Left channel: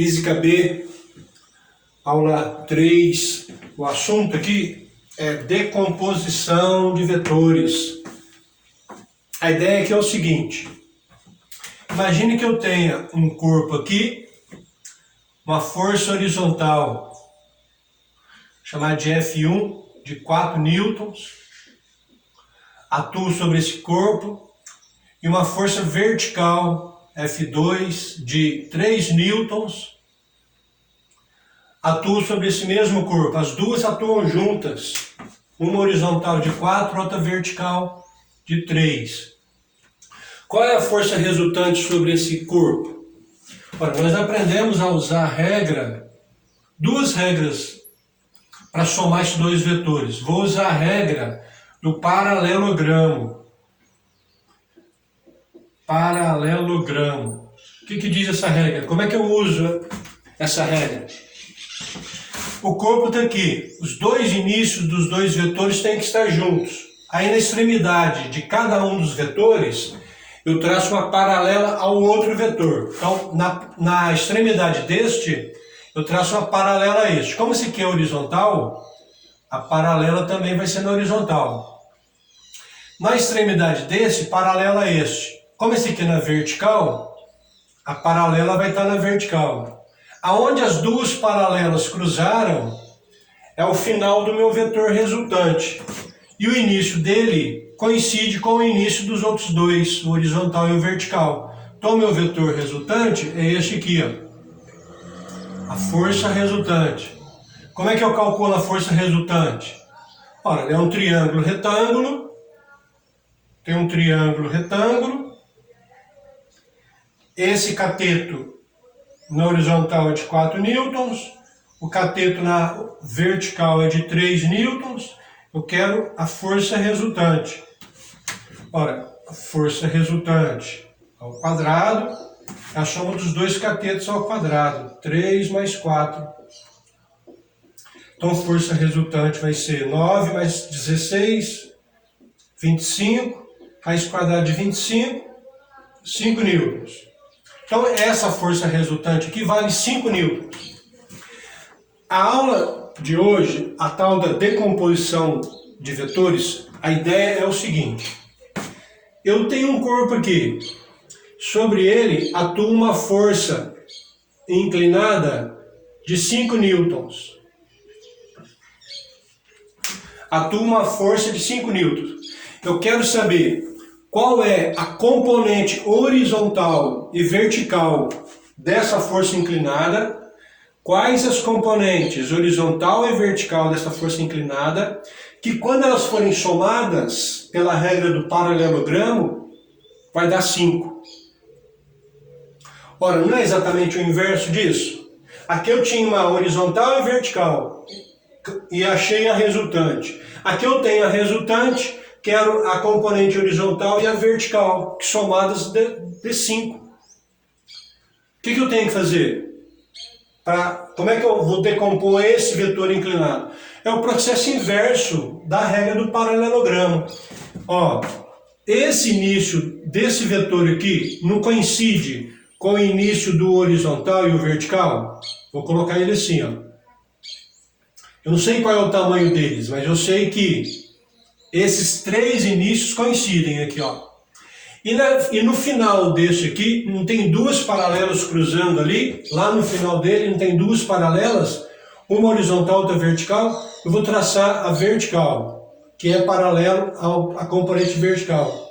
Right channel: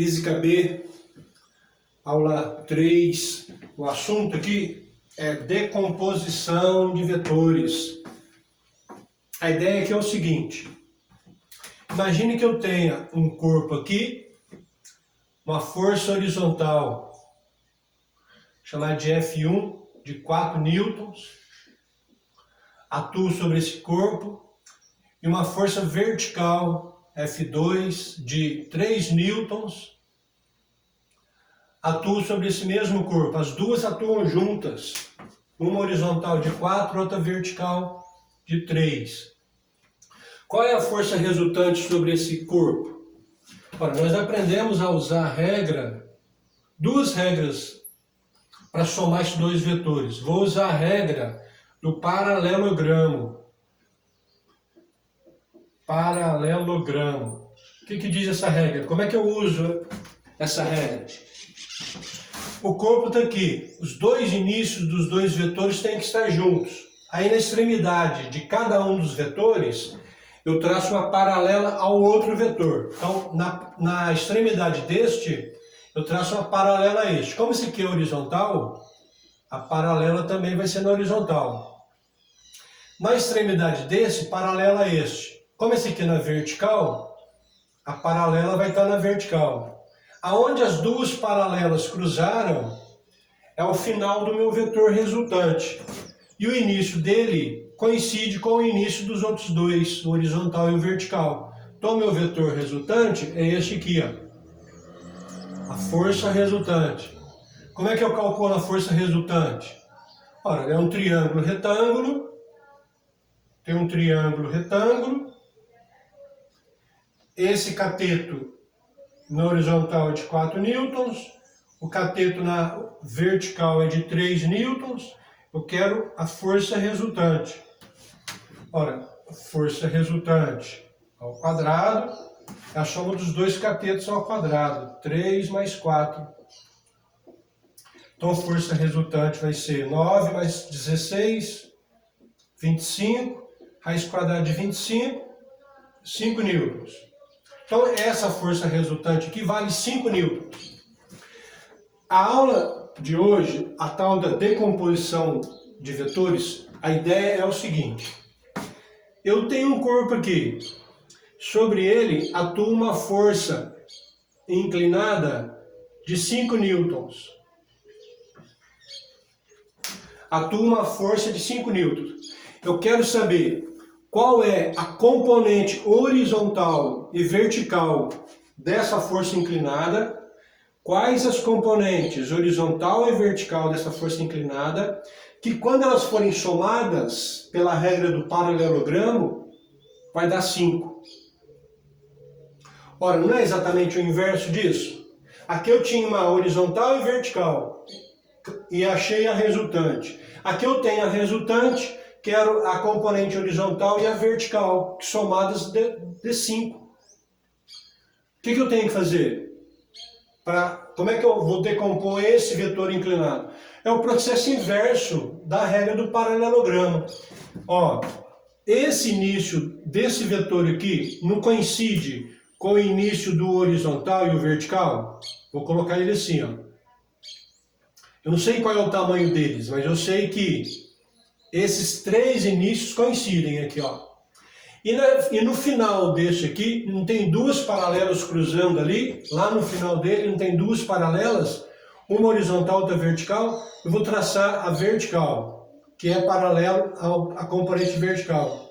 Física B, aula 3. O assunto aqui é decomposição de vetores. A ideia aqui é o seguinte: imagine que eu tenha um corpo aqui, uma força horizontal, chamada de F1, de 4 newtons, atuo sobre esse corpo, e uma força vertical, F2, de 3 newtons, atuo sobre esse mesmo corpo. As duas atuam juntas, uma horizontal de 4, outra vertical de 3. Qual é a força resultante sobre esse corpo? Ora, nós aprendemos a usar duas regras para somar esses dois vetores. Vou usar a regra do paralelogramo. Paralelogramo. O que diz essa regra? Como é que eu uso essa regra? O corpo está aqui. Os dois inícios dos dois vetores têm que estar juntos. Aí na extremidade de cada um dos vetores, eu traço uma paralela ao outro vetor. Então, na extremidade deste, eu traço uma paralela a este. Como esse aqui é horizontal, a paralela também vai ser na horizontal. Na extremidade desse, paralela a este. Como esse aqui é na vertical, a paralela vai estar na vertical. Aonde as duas paralelas cruzaram, é o final do meu vetor resultante. E o início dele coincide com o início dos outros dois, o horizontal e o vertical. Então, o meu vetor resultante é este aqui, ó. A força resultante. Como é que eu calculo a força resultante? Ora, é um triângulo retângulo. Tem um triângulo retângulo. Esse cateto na horizontal é de 4 newtons. O cateto na vertical é de 3 newtons. Eu quero a força resultante. Ora, a força resultante ao quadrado, a soma dos dois catetos ao quadrado, 3 mais 4. Então, a força resultante vai ser 9 mais 16, 25, raiz quadrada de 25, 5 newtons. Então, essa força resultante aqui vale 5 newtons. A aula de hoje, a tal da decomposição de vetores, a ideia é o seguinte: eu tenho um corpo aqui, sobre ele atua uma força inclinada de 5 newtons. Atua uma força de 5 newtons. Eu quero saber qual é a componente horizontal e vertical dessa força inclinada, quais as componentes horizontal e vertical dessa força inclinada, que quando elas forem somadas pela regra do paralelogramo, vai dar 5. Ora, não é exatamente o inverso disso? Aqui eu tinha uma horizontal e vertical e achei a resultante. Aqui eu tenho a resultante, quero a componente horizontal e a vertical, que somadas de 5. O que eu tenho que fazer? Como é que eu vou decompor esse vetor inclinado? É o processo inverso da regra do paralelogramo. Ó, esse início desse vetor aqui não coincide com o início do horizontal e o vertical? Vou colocar ele assim, ó. Eu não sei qual é o tamanho deles, mas eu sei que esses três inícios coincidem aqui, ó. E no final desse aqui, não tem duas paralelas cruzando ali? Lá no final dele não tem duas paralelas? Uma horizontal, outra vertical? Eu vou traçar a vertical, que é paralelo à componente vertical.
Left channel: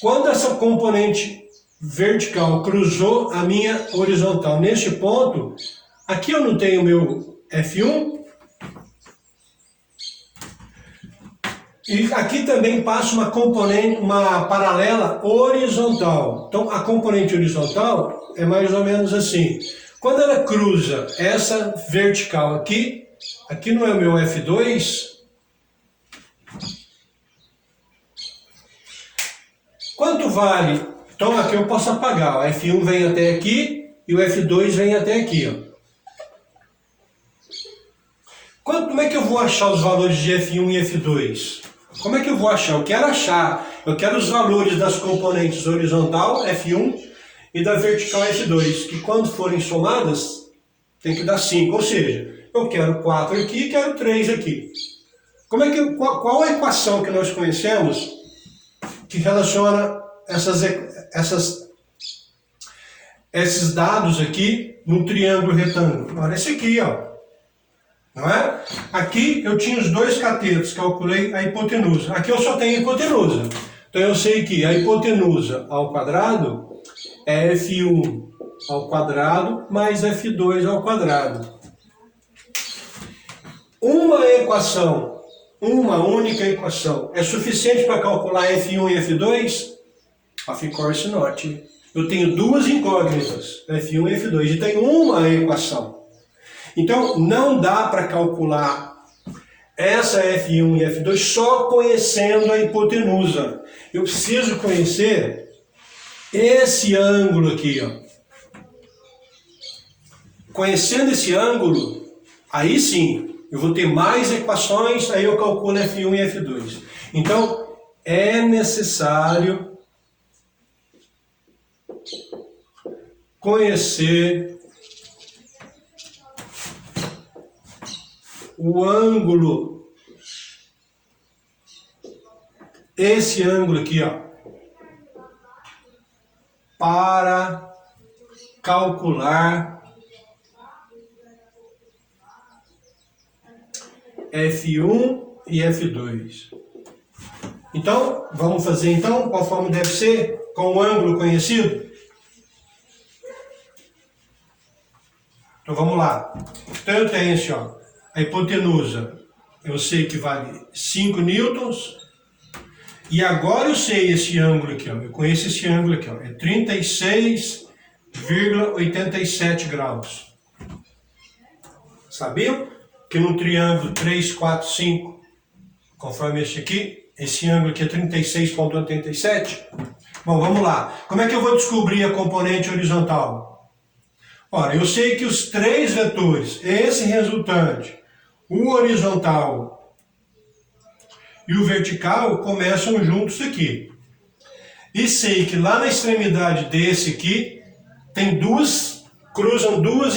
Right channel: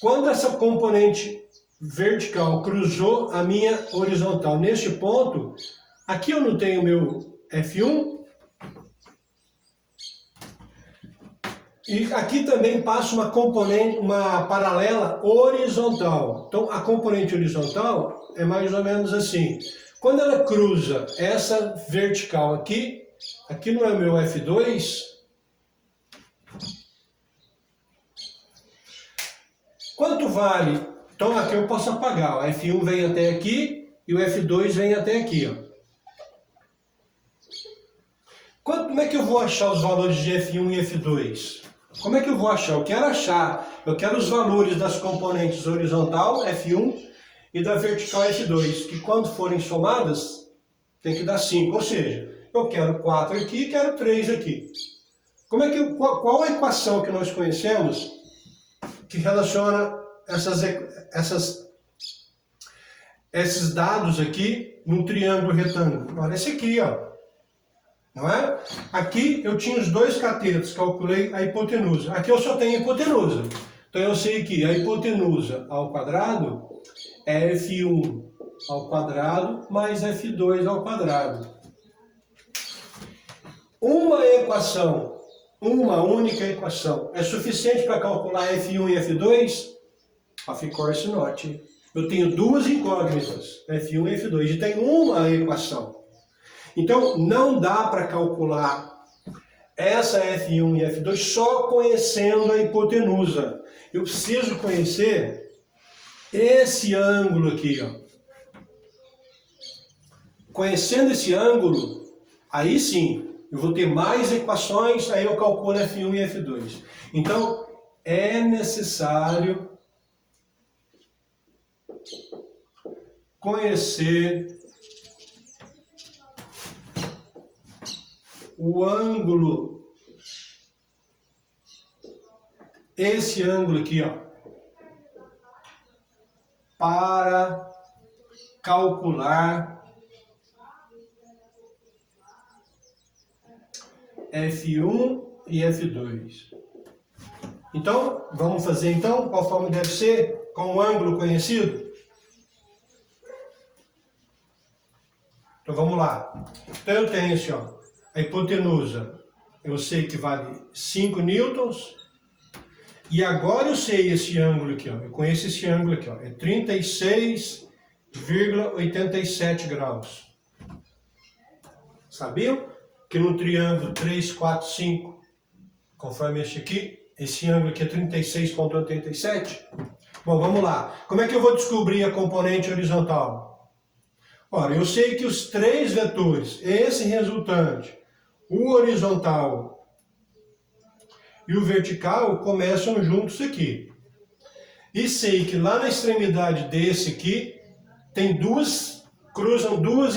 Quando essa componente vertical cruzou a minha horizontal neste ponto, aqui eu não tenho meu F1, e aqui também passa uma paralela horizontal. Então, a componente horizontal é mais ou menos assim. Quando ela cruza essa vertical aqui não é meu F2. Quanto vale? Então, aqui eu posso apagar. O F1 vem até aqui e o F2 vem até aqui, ó. Como é que eu vou achar os valores de F1 e F2? Como é que eu vou achar? Eu quero os valores das componentes horizontal, F1, e da vertical, F2, que quando forem somadas, tem que dar 5. Ou seja, eu quero 4 aqui e quero 3 aqui. Qual a equação que nós conhecemos que relaciona esses dados aqui num triângulo retângulo? Olha esse aqui, ó. Não é? Aqui eu tinha os dois catetos, calculei a hipotenusa. Aqui eu só tenho a hipotenusa. Então eu sei que a hipotenusa ao quadrado é F1 ao quadrado mais F2 ao quadrado. Uma única equação, é suficiente para calcular F1 e F2? Of course not. Eu tenho duas incógnitas, F1 e F2, e tenho uma equação. Então, não dá para calcular essa F1 e F2 só conhecendo a hipotenusa. Eu preciso conhecer esse ângulo aqui, ó. Conhecendo esse ângulo, aí sim, eu vou ter mais equações, aí eu calculo F1 e F2. Então, é necessário conhecer o ângulo, esse ângulo aqui, ó, para calcular F1 e F2. Então, vamos fazer então, conforme deve ser, com o ângulo conhecido? Então vamos lá. Então eu tenho assim, ó, a hipotenusa, eu sei que vale 5 newtons, e agora eu sei esse ângulo aqui, ó, eu conheço esse ângulo aqui, ó, é 36,87 graus. Sabiam que no triângulo 3, 4, 5, conforme este aqui, esse ângulo aqui é 36,87? Bom, vamos lá. Como é que eu vou descobrir a componente horizontal? Ora, eu sei que os três vetores, esse resultante, o horizontal e o vertical, começam juntos aqui. E sei que lá na extremidade desse aqui, tem cruzam duas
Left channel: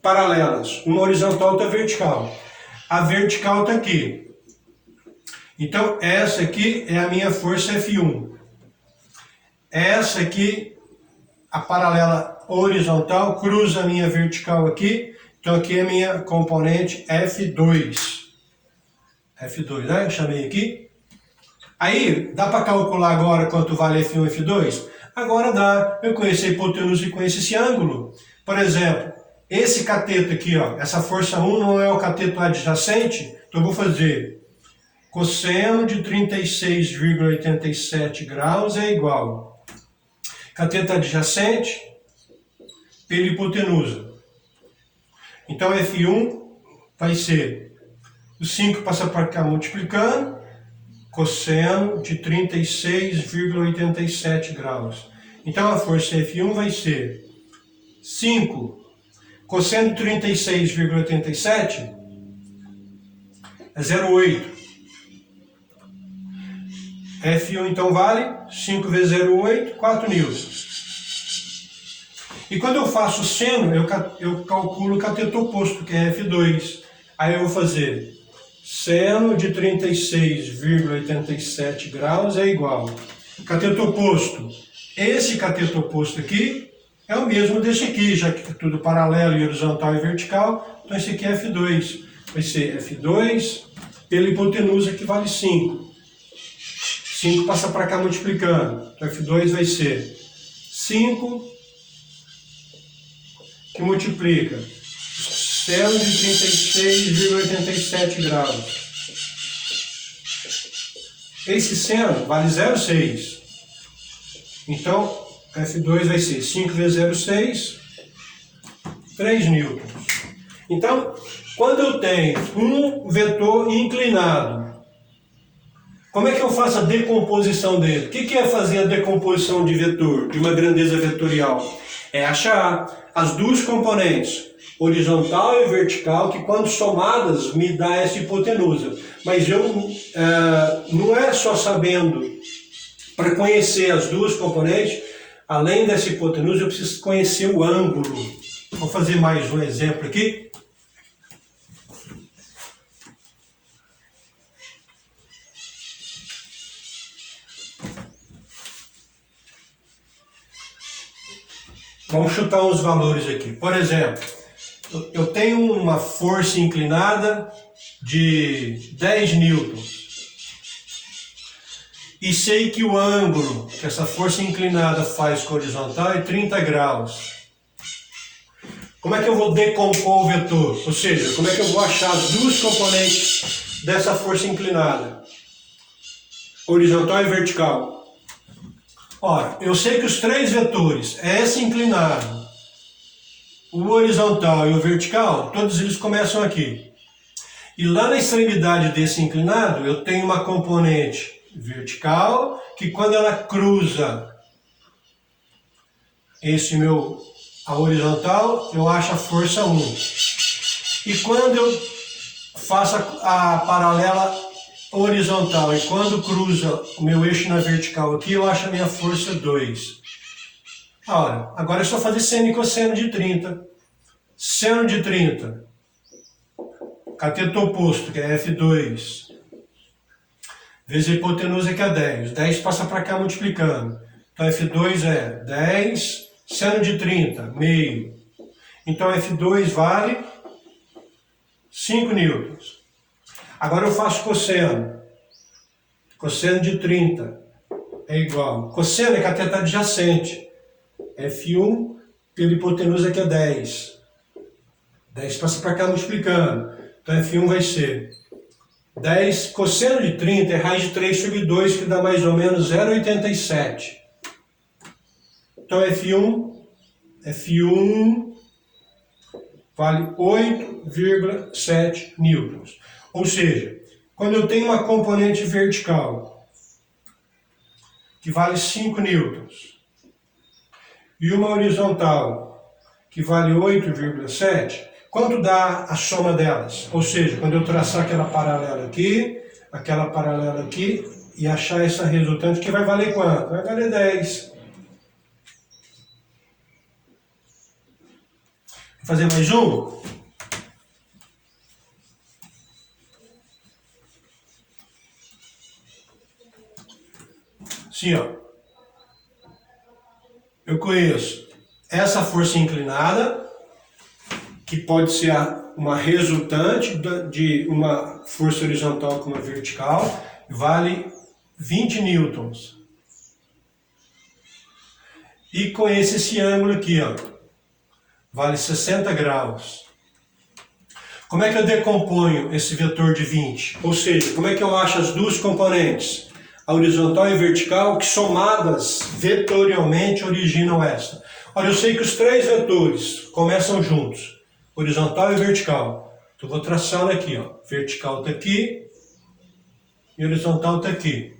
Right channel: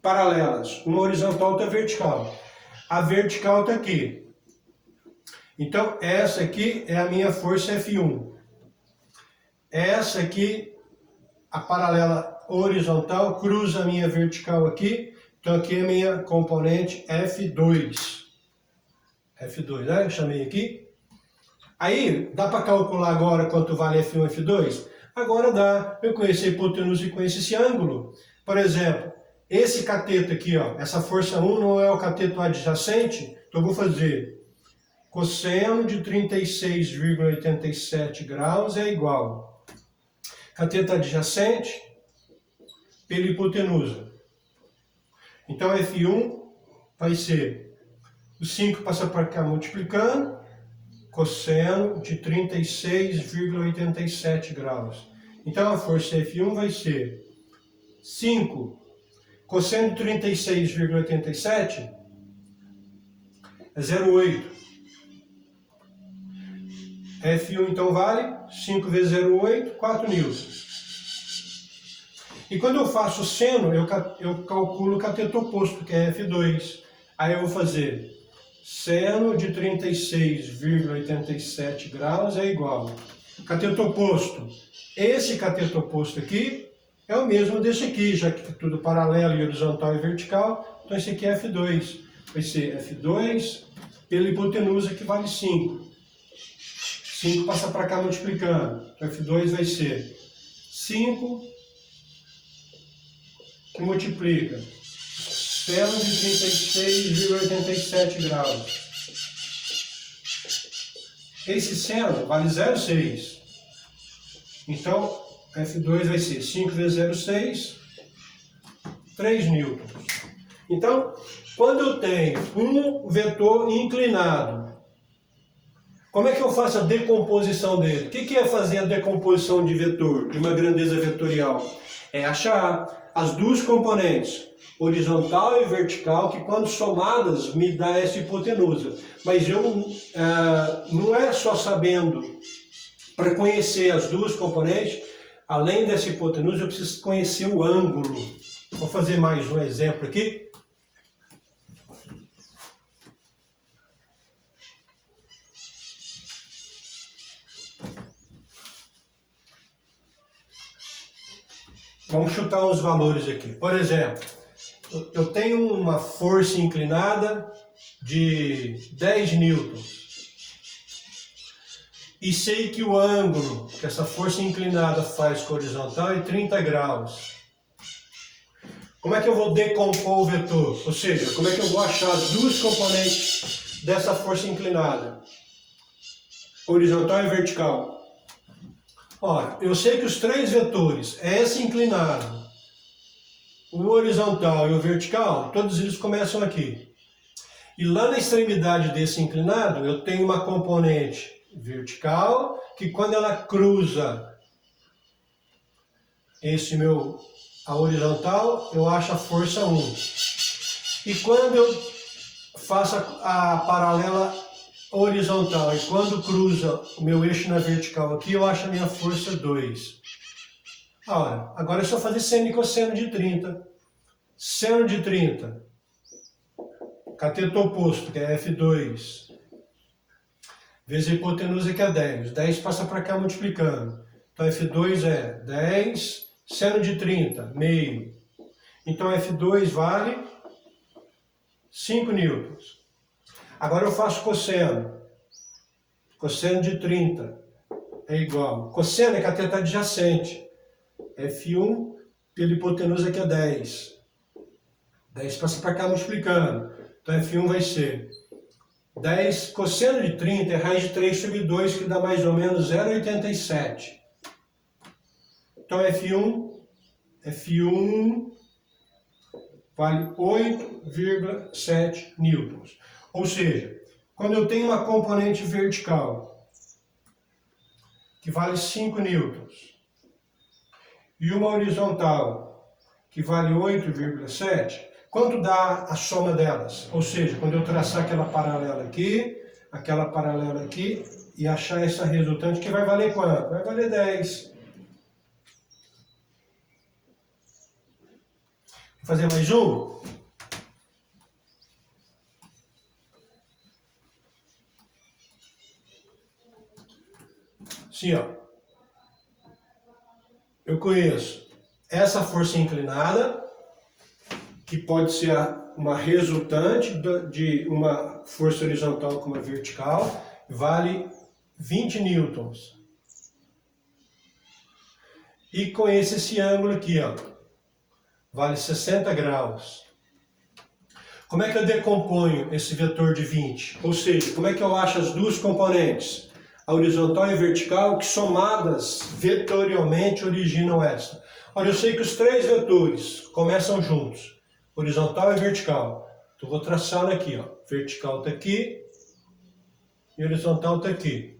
paralelas, uma horizontal e outra vertical. A vertical está aqui. Então, essa aqui é a minha força F1. Essa aqui, a paralela horizontal, cruza a minha vertical aqui. Então, aqui é a minha componente F2. F2, né? Eu chamei aqui. Aí, dá para calcular agora quanto vale F1 e F2? Agora dá. Eu conheço a hipotenusa e conheço esse ângulo. Por exemplo, esse cateto aqui, ó, essa força 1 não é o cateto adjacente, então eu vou fazer cosseno de 36,87 graus é igual cateto adjacente pela hipotenusa. Então F1 vai ser, o 5 passa para cá multiplicando, cosseno de 36,87 graus. Então a força F1 vai ser 5 cosseno de 36,87 é 0,8. F1 então vale 5 vezes 0,8, 4 newtons. E quando eu faço o seno, eu calculo o cateto oposto, que é F2. Aí eu vou fazer seno de 36,87 graus é igual. Cateto oposto. Esse cateto oposto aqui é o mesmo desse aqui, já que é tudo paralelo e horizontal e vertical. Então esse aqui é F2. Vai ser F2 pela hipotenusa, que vale 5. 5 passa para cá multiplicando. Então F2 vai ser 5 que multiplica seno de 36,87 graus. Esse seno vale 0,6. Então F2 vai ser 5 vezes 0,6, 3 newtons. Então, quando eu tenho um vetor inclinado, como é que eu faço a decomposição dele? O que é fazer a decomposição de vetor, de uma grandeza vetorial? É achar as duas componentes, horizontal e vertical, que quando somadas me dá essa hipotenusa. Mas eu não é só sabendo, para conhecer as duas componentes, além dessa hipotenusa, eu preciso conhecer o ângulo. Vou fazer mais um exemplo aqui. Vamos chutar uns valores aqui. Por exemplo, eu tenho uma força inclinada de 10 newtons. E sei que o ângulo que essa força inclinada faz com a horizontal é 30 graus. Como é que eu vou decompor o vetor? Ou seja, como é que eu vou achar as duas componentes dessa força inclinada? Horizontal e vertical. Ora, eu sei que os três vetores, S inclinado, o horizontal e o vertical, todos eles começam aqui. E lá na extremidade desse inclinado, eu tenho uma componente vertical, que quando ela cruza a horizontal, eu acho a força 1. E quando eu faço a paralela horizontal e quando cruza o meu eixo na vertical aqui, eu acho a minha força 2. Ora, agora é só fazer seno e cosseno de 30. Seno de 30, cateto oposto, que é F2, vezes a hipotenusa, que é 10. 10 passa para cá multiplicando. Então F2 é 10, seno de 30, meio. Então F2 vale 5 newtons. Agora eu faço cosseno. Cosseno de 30 é igual. Cosseno é cateto adjacente. F1 pela hipotenusa, que é 10. 10 passa para cá multiplicando. Então F1 vai ser 10 cosseno de 30 é raiz de 3 sobre 2, que dá mais ou menos 0,87. Então F1 vale 8,7 newtons. Ou seja, quando eu tenho uma componente vertical que vale 5 newtons e uma horizontal que vale 8,7, quanto dá a soma delas? Ou seja, quando eu traçar aquela paralela aqui e achar essa resultante, que vai valer quanto? Vai valer 10. Vou fazer mais um? Assim, ó. Eu conheço essa força inclinada, que pode ser uma resultante de uma força horizontal com uma vertical, vale 20 newtons. E conheço esse ângulo aqui, ó, vale 60 graus. Como é que eu decomponho esse vetor de 20? Ou seja, como é que eu acho as duas componentes, a horizontal e a vertical, que somadas vetorialmente originam esta? Ora, eu sei que os três vetores começam juntos, horizontal e vertical. Então vou traçar aqui, ó. Vertical está aqui e horizontal está aqui.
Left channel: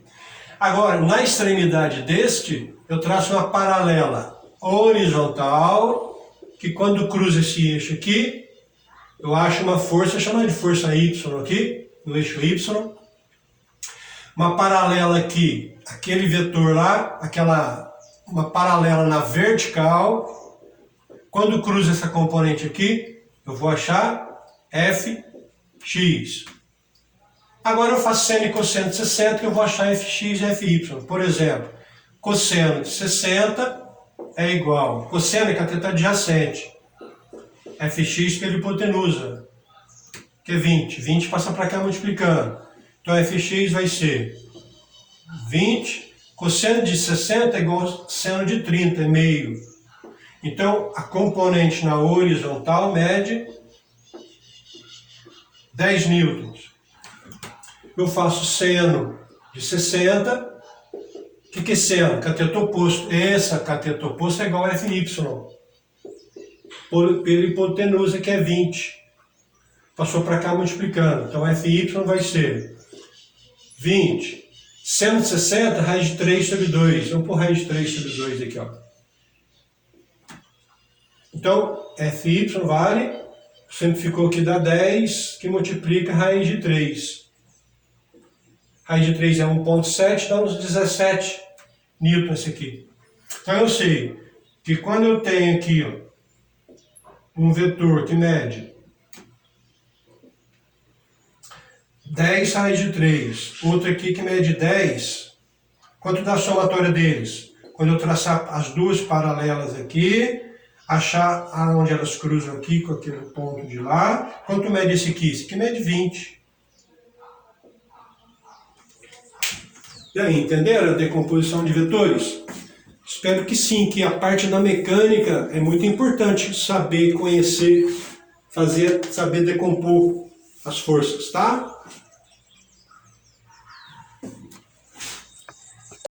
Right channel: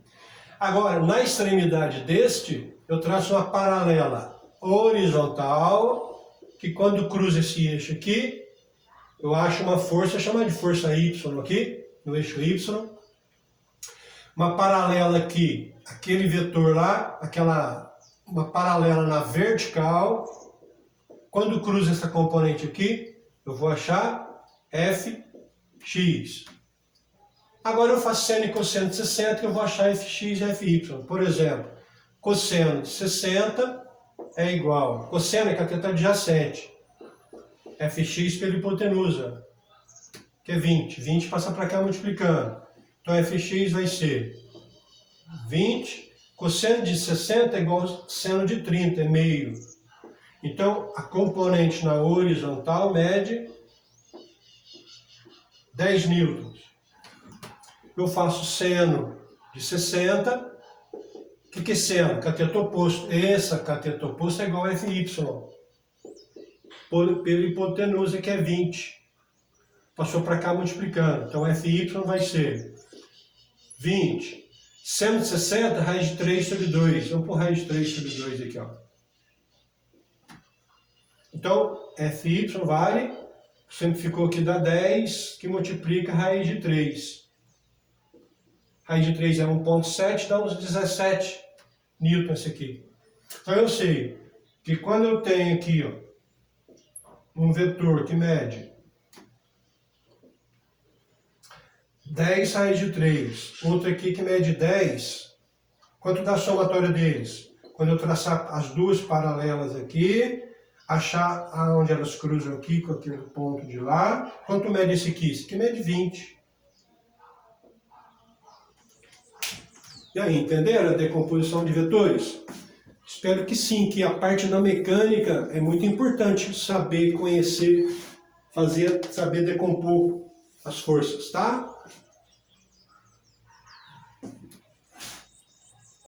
Agora, na extremidade deste, eu traço uma paralela horizontal, que quando cruza esse eixo aqui, eu acho uma força, chamada de força Y aqui, no eixo Y. Uma paralela aqui, aquele vetor lá, uma paralela na vertical. Quando cruza essa componente aqui, eu vou achar Fx. Agora eu faço seno e cosseno de 60, que eu vou achar Fx e Fy. Por exemplo, cosseno de 60 é igual. Cosseno é cateto adjacente. Fx pela hipotenusa, que é 20. 20 passa para cá multiplicando. Então Fx vai ser 20. Cosseno de 60 é igual a seno de 30, é meio. Então a componente na horizontal mede 10 newtons. Eu faço seno de 60. O que é seno? Cateto oposto. Essa cateto oposto é igual a Fy. Pela hipotenusa, que é 20. Passou para cá multiplicando. Então Fy vai ser 20. Seno de 60, raiz de 3 sobre 2. Vamos pôr raiz de 3 sobre 2 aqui, ó. Então, Fy vale, simplificou que dá 10, que multiplica raiz de 3. Raiz de 3 é 1,7, dá uns 17 newtons aqui. Então eu sei que quando eu tenho aqui, ó, um vetor que mede 10 raiz de 3, outro aqui que mede 10, quanto dá a somatória deles? Quando eu traçar as duas paralelas aqui, achar aonde elas cruzam aqui com aquele ponto de lá, quanto mede esse aqui? Esse aqui mede 20. E aí, entenderam a decomposição de vetores? Espero que sim, que a parte da mecânica é muito importante saber, conhecer, saber decompor as forças, tá?